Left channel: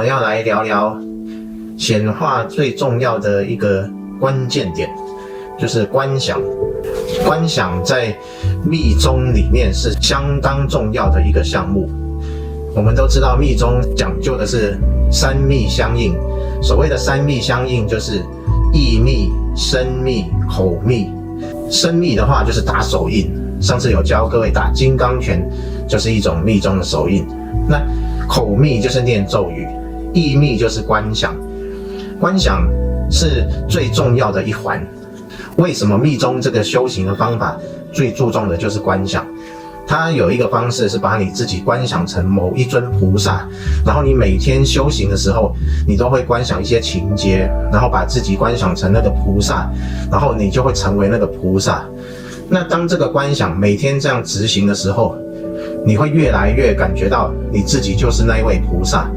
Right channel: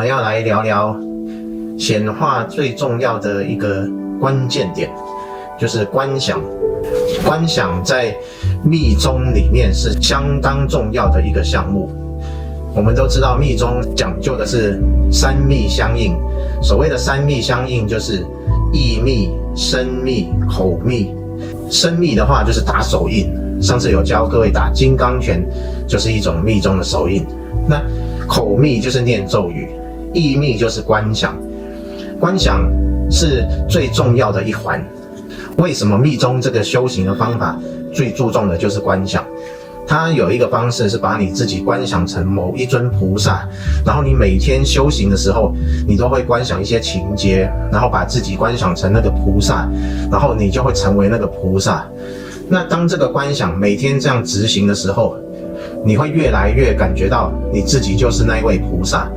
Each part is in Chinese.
们要来聊聊显化最重要的一个关键点，就是观想。观想在密宗里面是相当重要的一个项目。我们都知道密宗讲究的是三密相应，所谓的三密相应就是意密、身密、口密。身密的话就是打手印，上次有教各位打金刚拳，就是一种密宗的手印。那口密就是念咒语，意密就是观想。观想是最重要的一环。为什么密宗这个修行的方法最注重的就是观想？它有一个方式是把你自己观想成某一尊菩萨，然后你每天修行的时候，你都会观想一些情节，然后把自己观想成那个菩萨，然后你就会成为那个菩萨。那当这个观想每天这样执行的时候，你会越来越感觉到你自己就是那一位菩萨。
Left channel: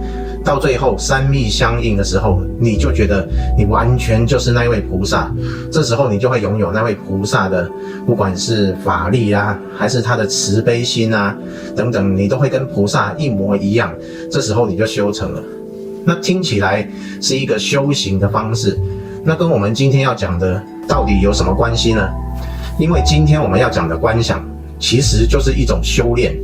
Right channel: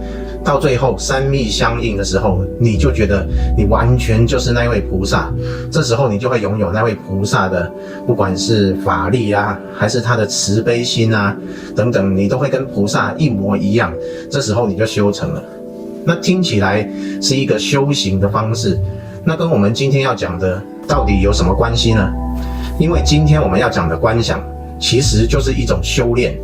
到最后三密相应的时候，你就觉得你完全就是那位菩萨。这时候你就会拥有那位菩萨的，不管是法力啊，还是他的慈悲心啊，等等，你都会跟菩萨一模一样。这时候你就修成了。那听起来是一个修行的方式，那跟我们今天要讲的到底有什么关系呢？因为今天我们要讲的观想，其实就是一种修炼。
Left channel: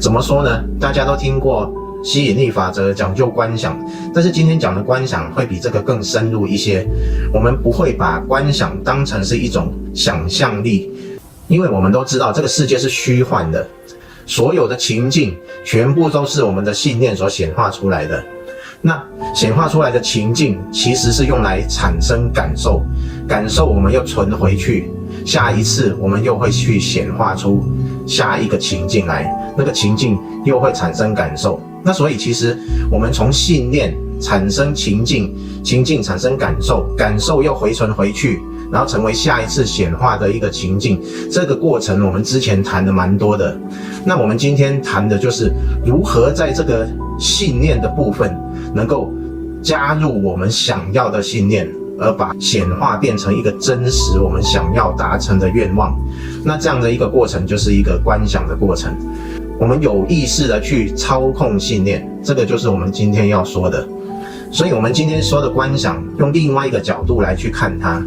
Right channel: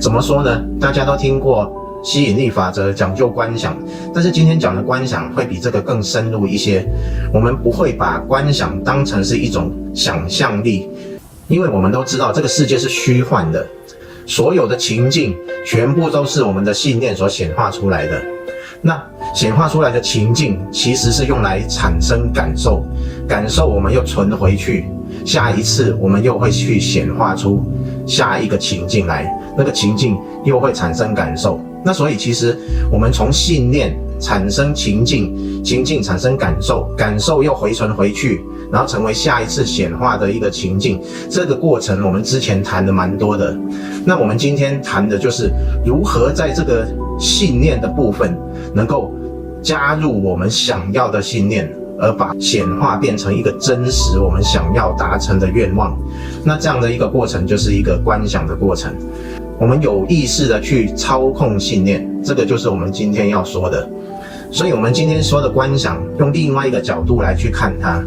怎么说呢？大家都听过吸引力法则讲究观想，但是今天讲的观想会比这个更深入一些。我们不会把观想当成是一种想象力，因为我们都知道这个世界是虚幻的，所有的情境全部都是我们的信念所显化出来的。那显化出来的情境其实是用来产生感受，感受我们又存回去，下一次我们又会去显化出下一个情境来，那个情境又会产生感受。那所以其实我们从信念产生情境，情境产生感受，感受又回存回去，然后成为下一次显化的一个情境。这个过程我们之前谈的蛮多的。那我们今天谈的就是如何在这个信念的部分能够加入我们想要的信念，而把显化变成一个真实我们想要达成的愿望。那这样的一个过程就是一个观想的过程，我们有意识的去操控信念，这个就是我们今天要说的。所以我们今天说的观想，用另外一个角度来去看它，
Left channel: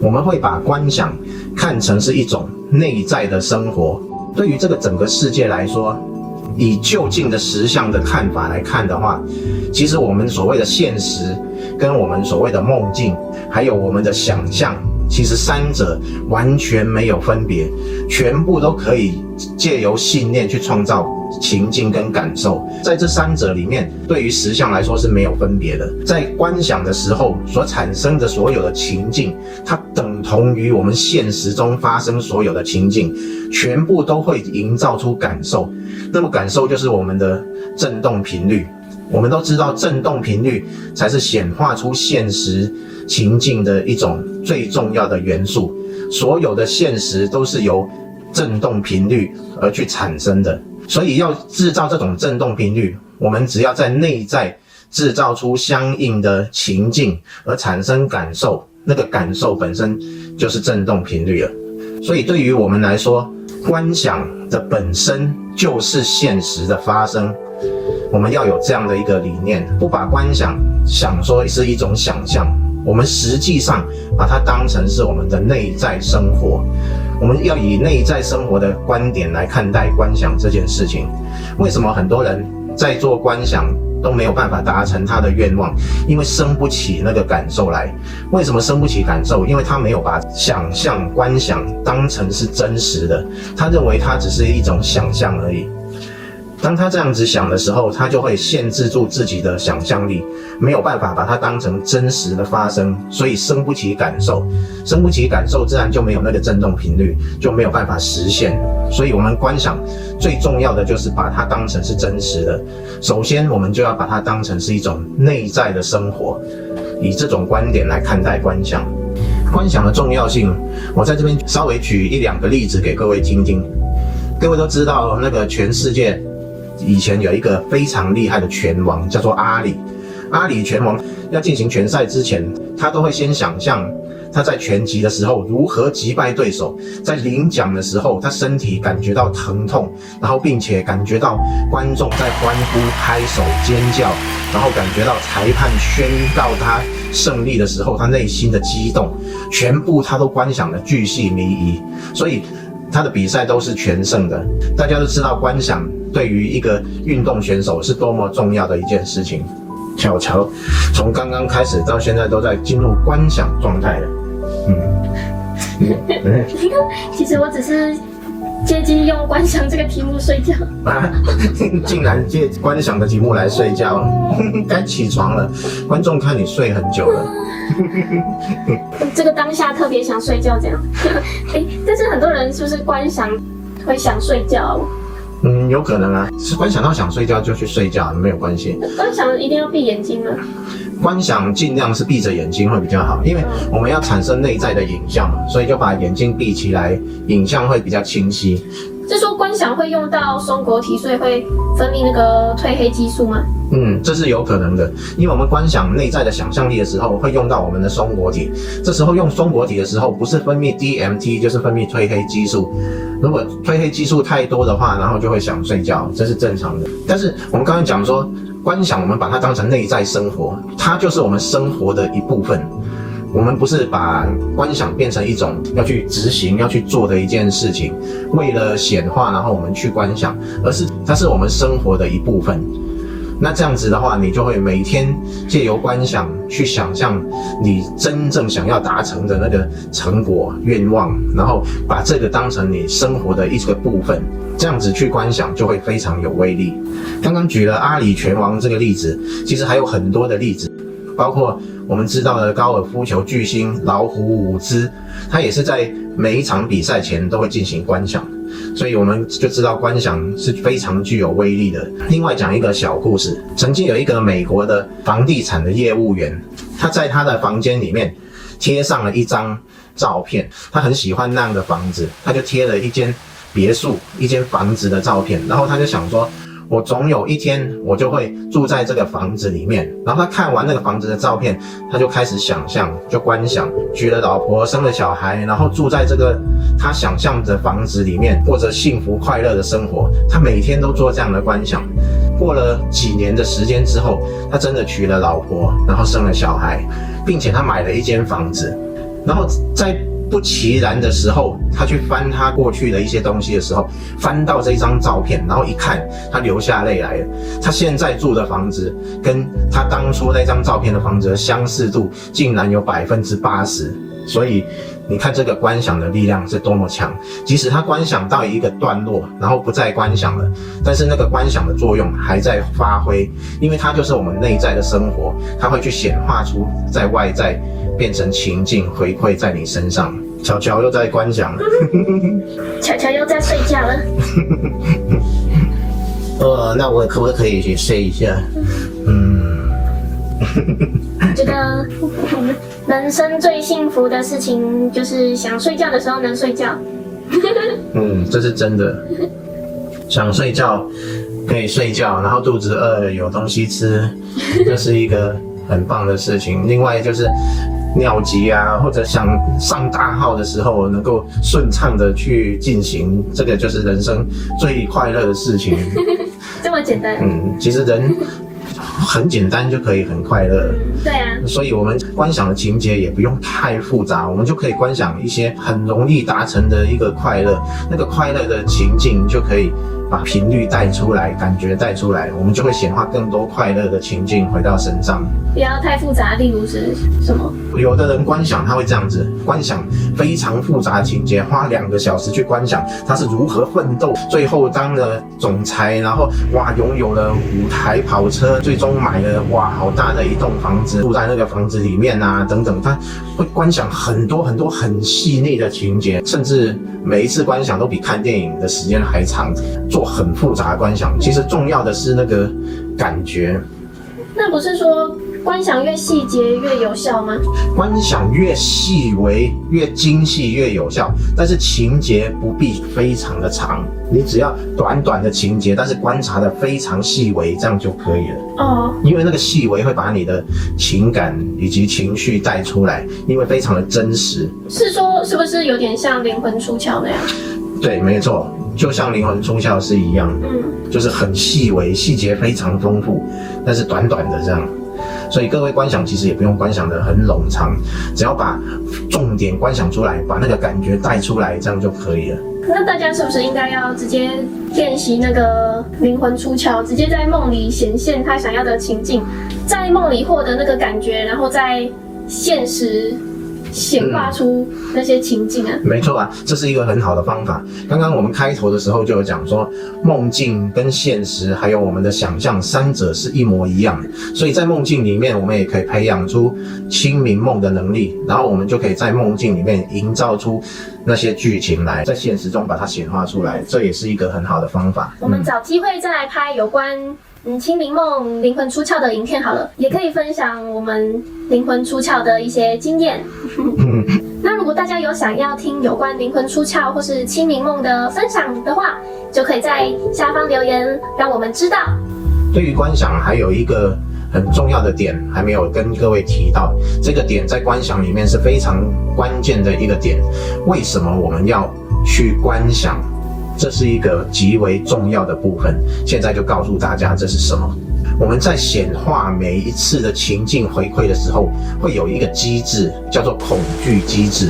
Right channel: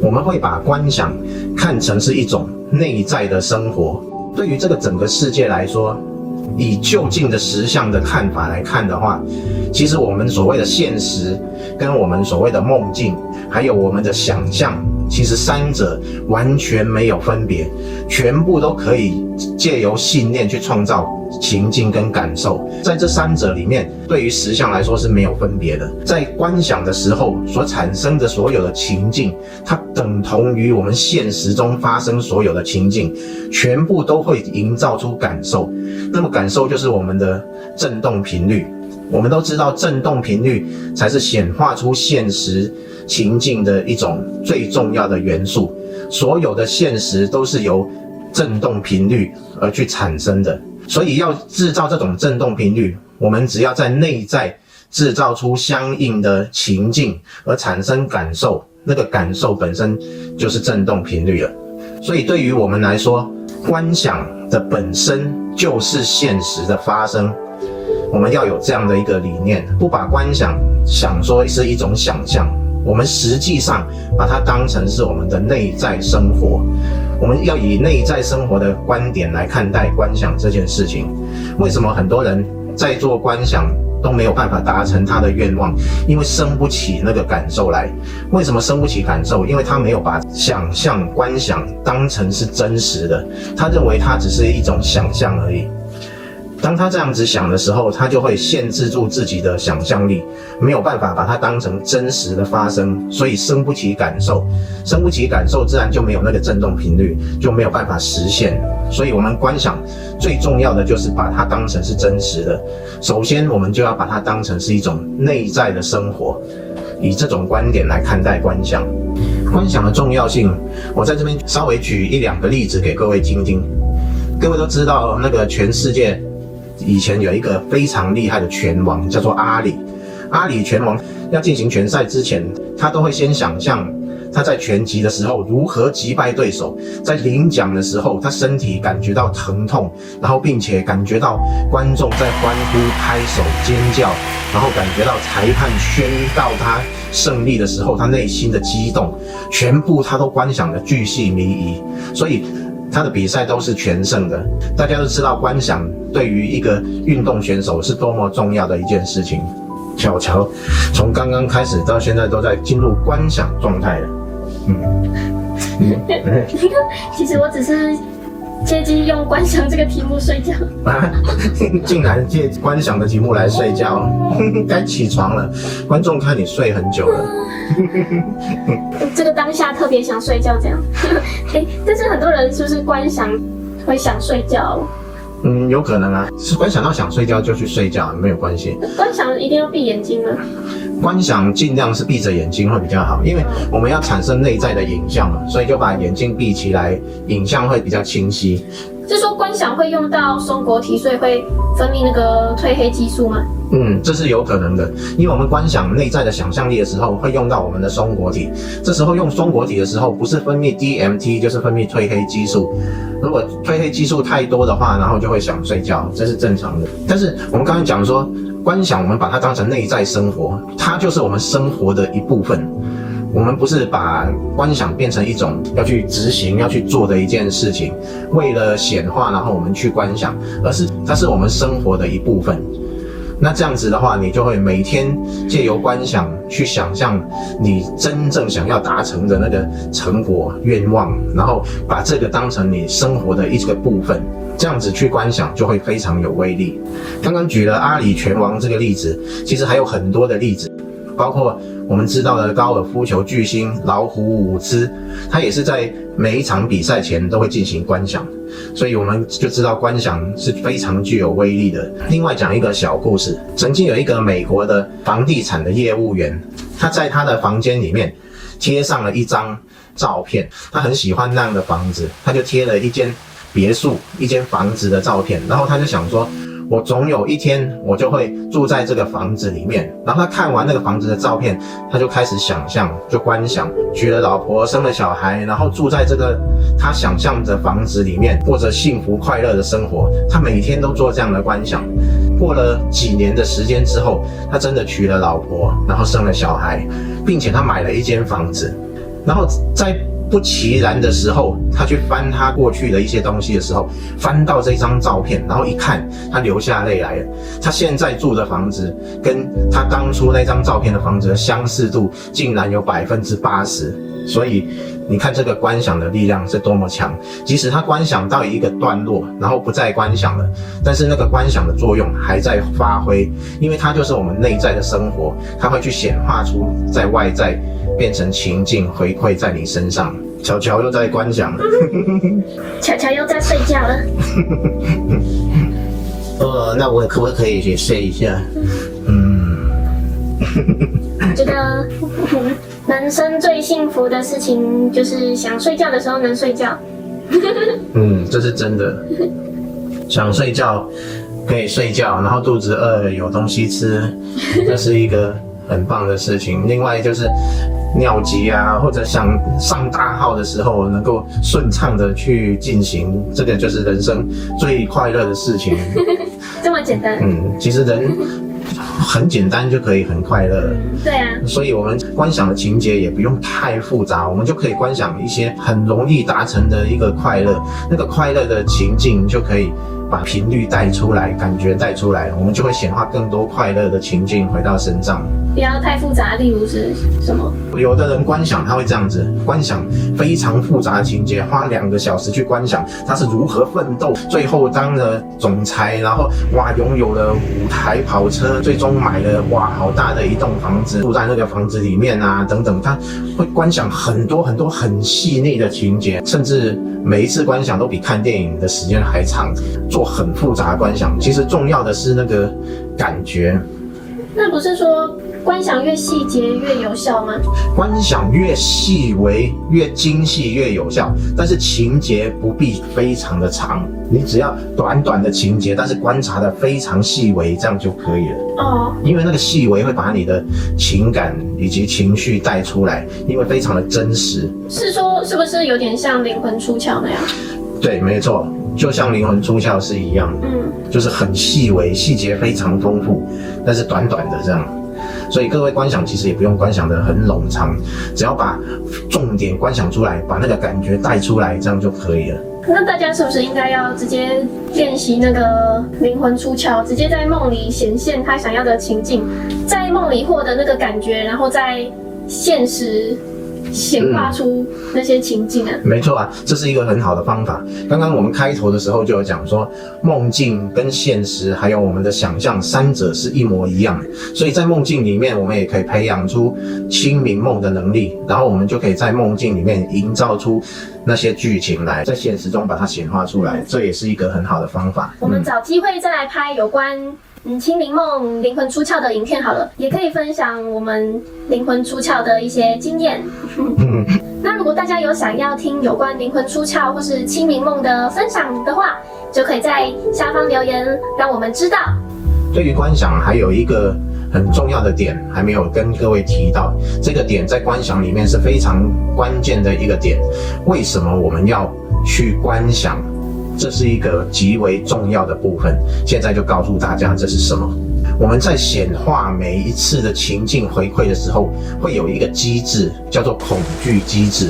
我们会把观想看成是一种内在的生活。对于这个整个世界来说，以就近的实相的看法来看的话，其实我们所谓的现实跟我们所谓的梦境还有我们的想象，其实三者完全没有分别，全部都可以借由信念去创造情境跟感受。在这三者里面，对于实相来说是没有分别的。在观想的时候所产生的所有的情境，它等同于我们现实中发生所有的情境，全部都会营造出感受。那么感受就是我们的振动频率。我们都知道振动频率才是显化出现实情境的一种最重要的元素，所有的现实都是由振动频率而去产生的。所以要制造这种振动频率，我们只要在内在制造出相应的情境而产生感受，那个感受本身就是振动频率了。所以对于我们来说，观想的本身就是现实的发生。我们要有这样的一个理念，不把观想想说是一种想象，我们实际上把它当成是我们的内在生活。我们要以内在生活的观点来看待观想这件事情。为什么很多人在做观想都没有办法达成他的愿望？因为生不起那个感受来。为什么生不起感受？因为他没有把想象观想当成是真实的，他认为它只是一种想象而已。当他这样子想的时候，他就会限制住自己的想象力，没有办法把它当成真实的发生，所以生不起感受，生不起感受自然就没有那个振动频率，就没有办法实现。所以我们观想最重要的就是把它当成是真实的。首先我们就要把它当成是一种内在的生活，以这种观点来看待观想。观想的重要性，我在这边稍微举一两个例子给各位听听。各位都知道那个全世界以前有一个非常厉害的拳王，叫做阿里。阿里拳王要进行拳赛之前，他都会先想象他在拳击的时候如何击败对手，在领奖的时候他身体感觉到疼痛，然后并且感觉到观众在欢呼、拍手、尖叫，然后感觉到裁判宣告他胜利的时候他内心的激动，全部他都观想得巨细靡遗，所以他的比赛都是全胜的。大家都知道观想对于一个运动选手是多么重要的一件事情。巧巧从刚刚开始到现在都在进入观想状态了。其实我只是借机用观想这个题目睡觉。竟然借观想的题目来睡觉，该起床了。观众看你睡很久了。这个当下特别想睡觉这样。但是很多人是不是观想会想睡觉？有可能啊，是观想到想睡觉就去睡觉，没有关系。观想一定要闭眼睛吗？观想尽量是闭着眼睛会比较好，因为我们要产生内在的影像嘛，所以就把眼睛闭起来，影像会比较清晰。是说观想会用到松果体，所以会分泌那个褪黑激素吗？这是有可能的，因为我们观想内在的想象力的时候，会用到我们的松果体。这时候用松果体的时候，不是分泌 DMT， 就是分泌褪黑激素。如果褪黑激素太多的话，然后就会想睡觉，这是正常的。但是我们刚刚讲说，观想我们把它当成内在生活，它就是我们生活的一部分。我们不是把观想变成一种要去执行、要去做的一件事情，为了显化，然后我们去观想，而是它是我们生活的一部分。那这样子的话，你就会每天借由观想去想象你真正想要达成的那个成果、愿望，然后把这个当成你生活的一个部分。这样子去观想就会非常有威力。刚刚举了阿里拳王这个例子，其实还有很多的例子，包括我们知道的高尔夫球巨星老虎伍兹，他也是在每一场比赛前都会进行观想，所以我们就知道观想是非常具有威力的。另外讲一个小故事，曾经有一个美国的房地产的业务员，他在他的房间里面贴上了一张照片，他很喜欢那样的房子，他就贴了一间别墅、一间房子的照片，然后他就想说，我总有一天我就会住在这个房子里面。然后他看完那个房子的照片，他就开始想象，就观想，娶了老婆，生了小孩，然后住在这个他想象的房子里面，过着幸福快乐的生活。他每天都做这样的观想。过了几年的时间之后，他真的娶了老婆，然后生了小孩，并且他买了一间房子。然后在不其然的时候，他去翻他过去的一些东西的时候，翻到这张照片，然后一看，他流下泪来了。他现在住的房子跟他当初那张照片的房子的相似度竟然有80%，所以你看这个观想的力量是多么强。即使他观想到一个段落，然后不再观想了，但是那个观想的作用还在发挥，因为它就是我们内在的生活，它会去显化出在外在，变成情境回馈在你身上。巧巧又在观想了。巧巧又在睡觉了。那我可不可以去睡一下？我觉得人生最幸福的事情就是想睡觉的时候能睡觉。这是真的。想睡觉可以睡觉，然后肚子饿有东西吃，这是一个很棒的事情。另外就是尿急啊，或者想上大号的时候能够顺畅的去进行，这个就是人生最快乐的事情。这么简单？其实人很简单就可以很快乐。对啊，所以我们观想的情节也不用太复杂，我们就可以观想一些很容易达成的一个快乐，那个快乐的情境就可以把频率带出来，感觉带出来，我们就会显化更多快乐的情境回到身上。不要太复杂，例如是什么？有的人观想他会这样子，观想非常复杂的情节，花2个小时去观想他是如何奋斗，最后当了总裁，然后拥有了5台跑车，最终买了好大的一栋房子，住在那个房子里面啊等等，他会观想很多很多很细腻的情节，甚至每一次观想都比看电影的时间还长，做很复杂的观想。其实重要的是那个感觉。那不是说观想越细节越有效吗？观想越细微、越精细越有效，但是情节不必非常的长，你只要短短的情节，但是观察的非常细微，这样就可以了。哦，因为那个细微会把你的情感以及情绪带出来，因为非常的真实。是说是不是有点像灵魂出窍那样？对，没错，就像灵魂出窍是一样的，就是很细微，细节非常丰富，但是短短的这样。所以各位观想其实也不用观想得很冗长，只要把重点观想出来，把那个感觉带出来，这样就可以了。那大家是不是应该要直接练习那个灵魂出窍，直接在梦里显现他想要的情境，在梦里获得那个感觉，然后在现实显化出那些情境啊？没错啊，这是一个很好的方法。刚刚我们开头的时候就有讲说，梦境跟现实还有我们的想象三者是一模一样的，所以在梦境里面我们也可以培养出清明梦的能力，然后我们就可以在梦境里面营造出那些剧情来，在现实中把它显化出来，这也是一个很好的方法。我们找机会再来拍有关清明梦灵魂出窍的影片好了，也可以分享我们灵魂出窍的一些经验。那如果大家有想要听有关灵魂出窍或是清明梦的分享的话，就可以在下方留言让我们知道。对于观想还有一个很重要的点还没有跟各位提到，这个点在观想里面是非常关键的一个点。为什么我们要去观想？这是一个极为重要的部分，现在就告诉大家这是什么。我们在显化每一次的情境回馈的时候，会有一个机制叫做恐惧机制。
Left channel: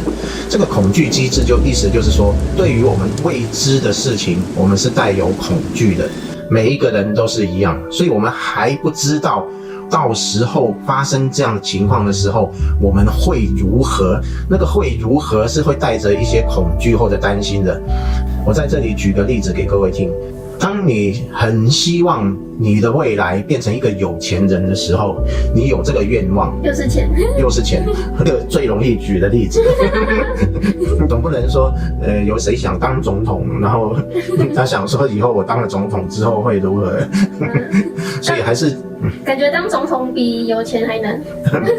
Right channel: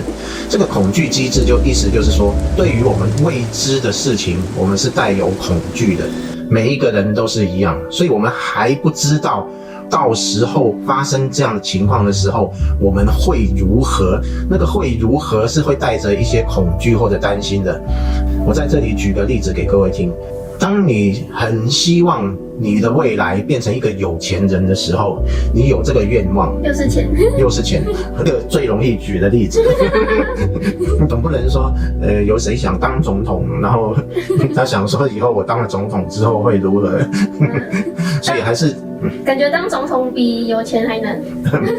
这个恐惧机制意思就是说，对于我们未知的事情，我们是带有恐惧的。每一个人都是一样，所以我们还不知道到时候发生这样的情况的时候，我们会如何？那个会如何是会带着一些恐惧或者担心的。我在这里举个例子给各位听。当你很希望你的未来变成一个有钱人的时候，你有这个愿望，又是钱，又是钱，这个最容易举的例子。总不能说，有谁想当总统，然后他想说以后我当了总统之后会如何？所以还是感觉当总统比有钱还难。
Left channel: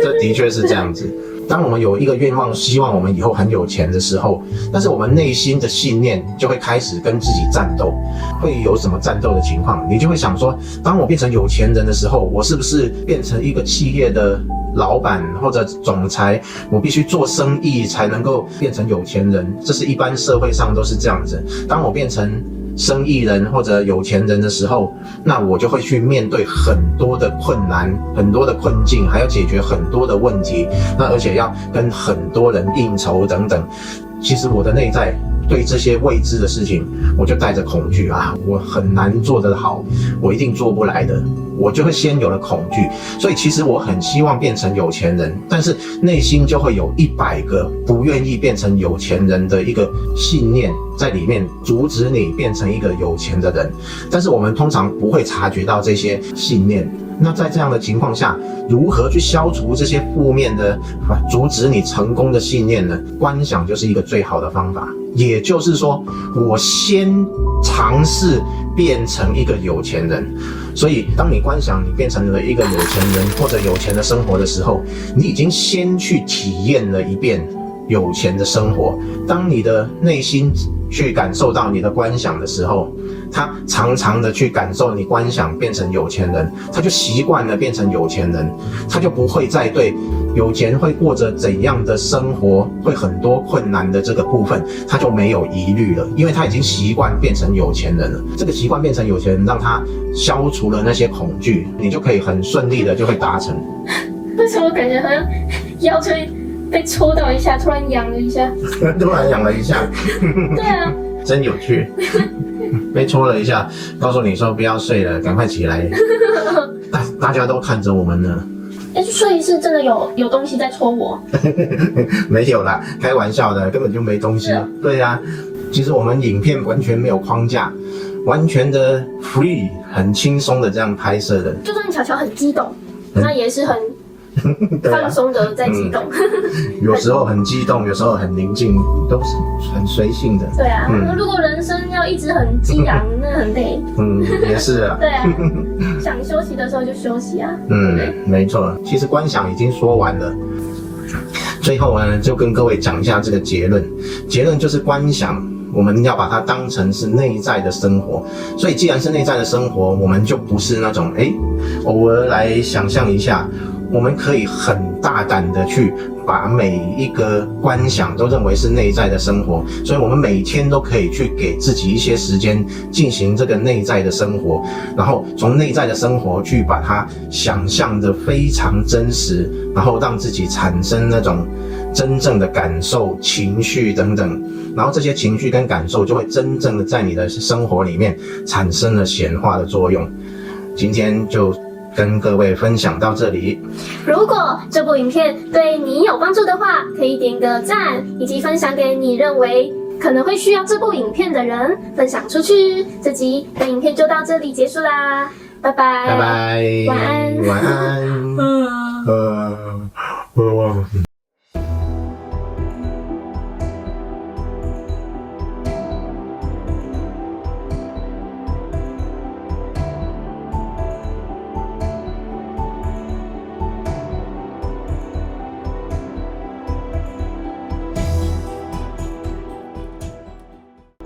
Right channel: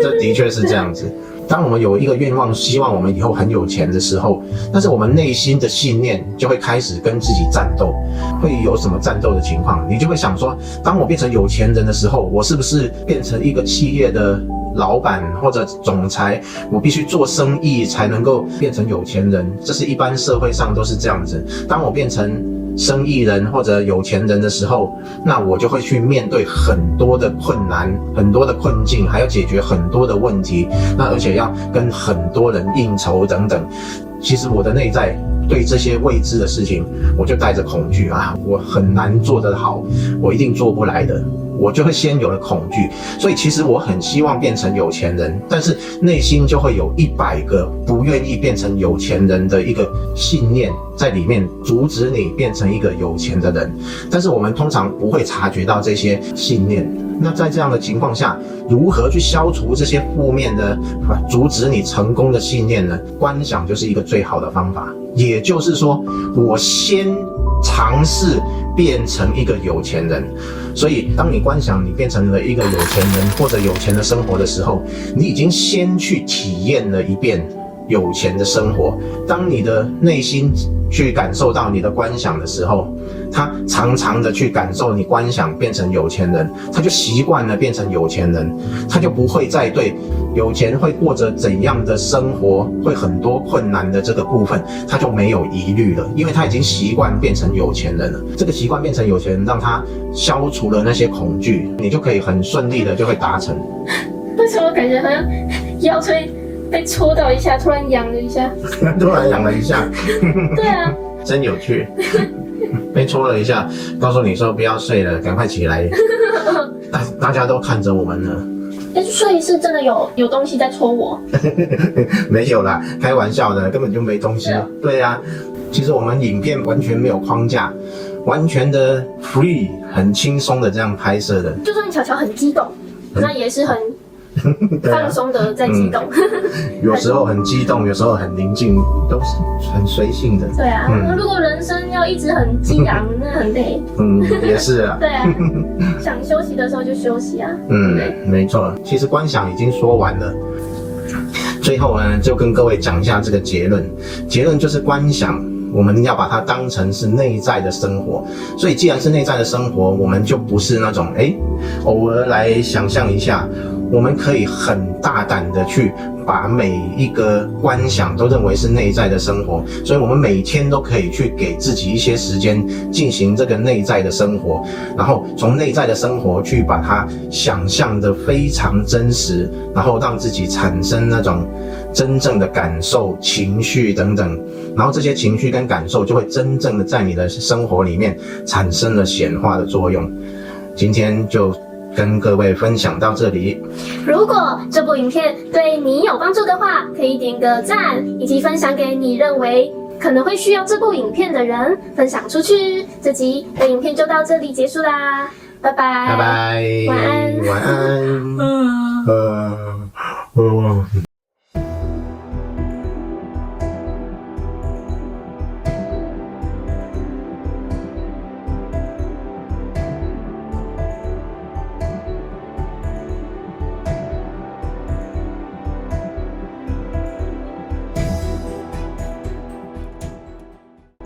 这的确是这样子。当我们有一个愿望，希望我们以后很有钱的时候，但是我们内心的信念就会开始跟自己战斗。会有什么战斗的情况？你就会想说，当我变成有钱人的时候，我是不是变成一个企业的老板或者总裁，我必须做生意才能够变成有钱人？这是一般社会上都是这样子。当我变成生意人或者有钱人的时候，那我就会去面对很多的困难、很多的困境，还要解决很多的问题，那而且要跟很多人应酬等等。其实我的内在对这些未知的事情，我就带着恐惧啊，我很难做得好，我一定做不来的，我就会先有了恐惧。所以其实我很希望变成有钱人，但是内心就会有100个不愿意变成有钱人的一个信念在里面，阻止你变成一个有钱的人。但是我们通常不会察觉到这些信念。那在这样的情况下，如何去消除这些负面的阻止你成功的信念呢？观想就是一个最好的方法。也就是说，我先尝试变成一个有钱人。所以当你观想你变成了一个有钱人或者有钱的生活的时候，你已经先去体验了一遍有钱的生活。当你的内心去感受到你的观想的时候，他常常的去感受你观想变成有钱人，他就习惯了变成有钱人，他就不会再对有钱会过着怎样的生活，会很多困难的这个部分，他就没有疑虑了，因为他已经习惯变成有钱人了。这个习惯变成有钱人，让他消除了那些恐惧，你就可以很顺利的就会达成。为什么感觉好像腰椎被戳到一下，突然痒了一下？突然痒了一下。对啊，真有趣。被戳了一下，告诉你说不要睡了，赶快起来。大家都看着我们呢。所以是真的有东西在戳我？没有啦，开玩笑的，根本就没东西。对啊，其实我们影片完全没有框架，完全的 free， 很轻松的这样拍摄的。就算巧巧很激动，那也是很对啊放，松的在激动。有时候很激动，有时候很宁静，都是很随性的。对啊，如果人生要一直很激昂，那很累。也是啊。对，想休息的时候就休息啊。没错。其实观想已经说完了，最后呢，就跟各位讲一下这个结论。结论就是观想，我们要把它当成是内在的生活。所以既然是内在的生活，我们就不是那种偶尔来想象一下。我们可以很大胆的去把每一个观想都认为是内在的生活，所以我们每天都可以去给自己一些时间进行这个内在的生活，然后从内在的生活去把它想象的非常真实，然后让自己产生那种真正的感受、情绪等等，然后这些情绪跟感受就会真正的在你的生活里面产生了显化的作用。今天就跟各位分享到这里。如果这部影片对你有帮助的话，可以点个赞，以及分享给你认为可能会需要这部影片的人，分享出去。这集的影片就到这里结束啦，拜拜，拜拜，晚安，晚安。